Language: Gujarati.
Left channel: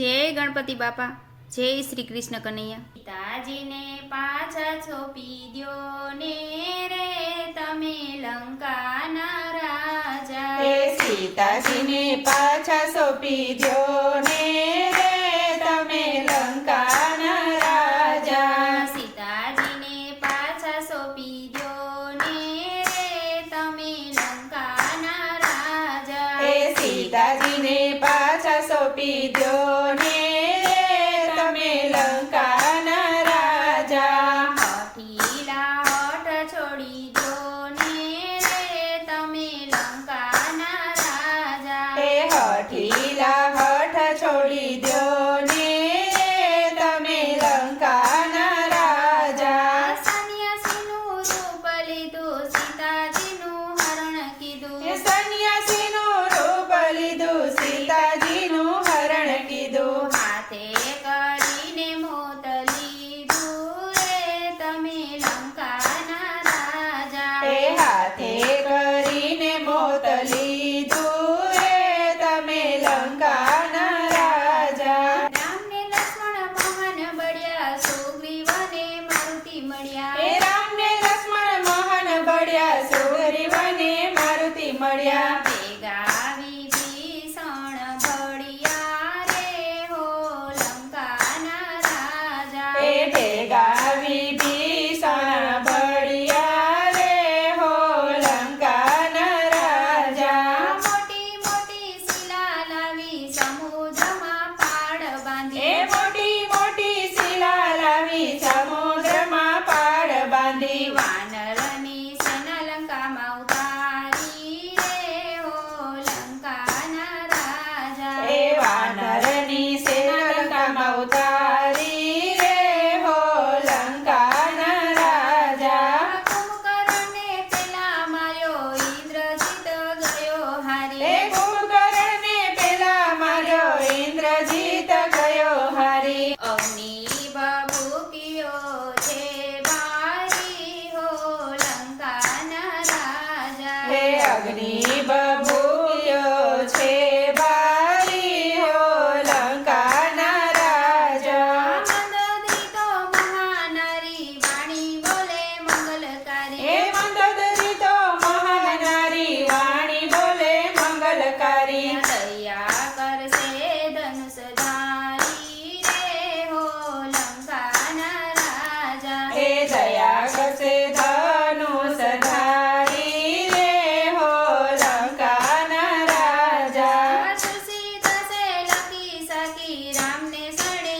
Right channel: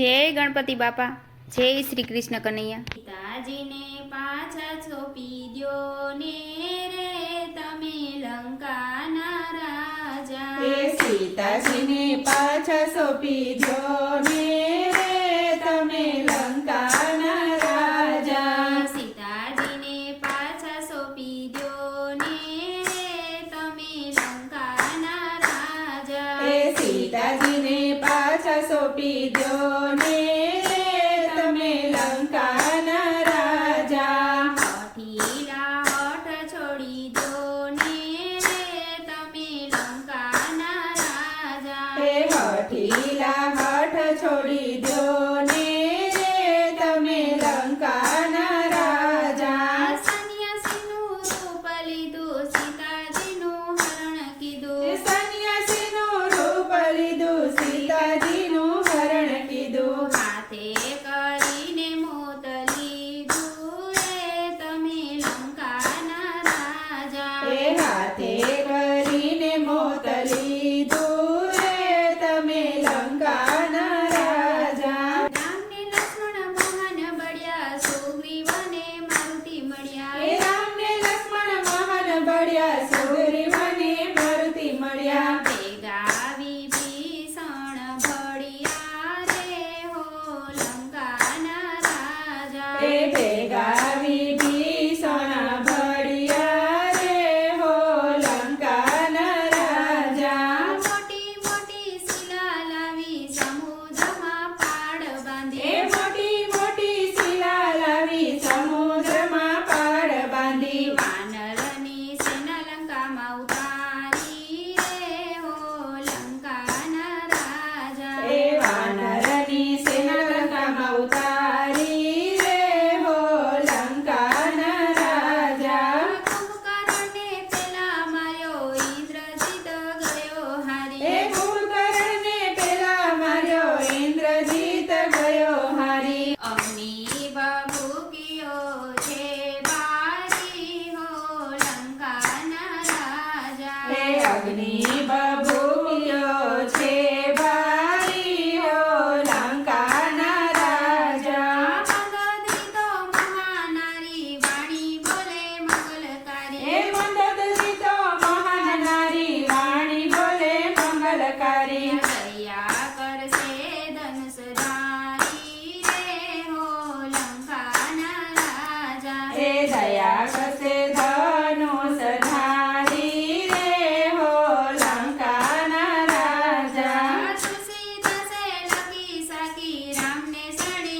જય ગણપતિ બાપા, જય શ્રી કૃષ્ણ કનૈયા। પિતાજીને પાછા છોપી દ્યો ને રે તમે લંકાના રાજા। હે સીતાજીને પાછા સોંપી દ્યો ને રે તમે લંકાના રાજા। સીતાજીને પાછા સોંપી દ્યો ને રે તમે લંકાના રાજા। હે સીતાજીને પાછા સોંપી દ્યો ને રે તમે લંકાના રાજા। હઠીલા હઠ છોડી દ્યો ને રે તમે લંકાના રાજા। હે હઠીલા હઠ છોડી દ્યો ને રે તમે લંકાના રાજા। સંન્યાસીનું રૂપ લીધું સીતાજીનું હરણ કીધું। હે સંન્યાસીનું રૂપ લીધું સીતાજીનું હરણ કીધું। હાથે કરીને મોત લીધું રે તમે લંકાના રાજા। હે હાથે કરીને મોત લીધું રે તમે લંકાના રાજા। રામને લક્ષ્મણ મહાન બળ્યા સુગ્રીવને મારુતિ મળ્યા। હે રામને લક્ષ્મણ મહાન બળ્યા સુગ્રીવને મારુતિ મળ્યા। ભેગા વિભીષણ ભળ્યા રે હો લંકાના રાજા। હે ભેગા વિભીષણ ભળ્યા રે હો લંકાના રાજા। મોટી મોટી શિલા લાવી સમુદ્રમાં પાડ બાંધી। હે મોટી મોટી શિલા લાવી સમુદ્રમાં પાડ બાંધી। વાનરની સેના લંકામાં ઉતારી રે હો લંકાના રાજા। હે વાનરની સેના લંકામાં ઉતારી રે હો લંકાના રાજા। કુંભકર્ણને પેલા માર્યો ઇન્દ્રજીત ગયો હારી। હે કુંભકર્ણને પેલા માર્યો ઇન્દ્રજીત ગયો હારી। અગ્નિ ભભૂકિયો છે બારી હો લંકાના રાજા। હે અગ્નિ બબૂક્યો છે બારી હો લંકાના રાજા। મંદોદરી તો મહાનારી વાણી બોલે મંગલકારી। હે મંદોદરી તો મહાન નારી વાણી બોલે મંગલકારી। દયા કરશે ધનુષધારી રે હો લંકાના રાજા। હે દયા કરશે ધનુષ ધારી રે હો લંકાના રાજા। તુલસીદાસે લખી સખી રામને સડે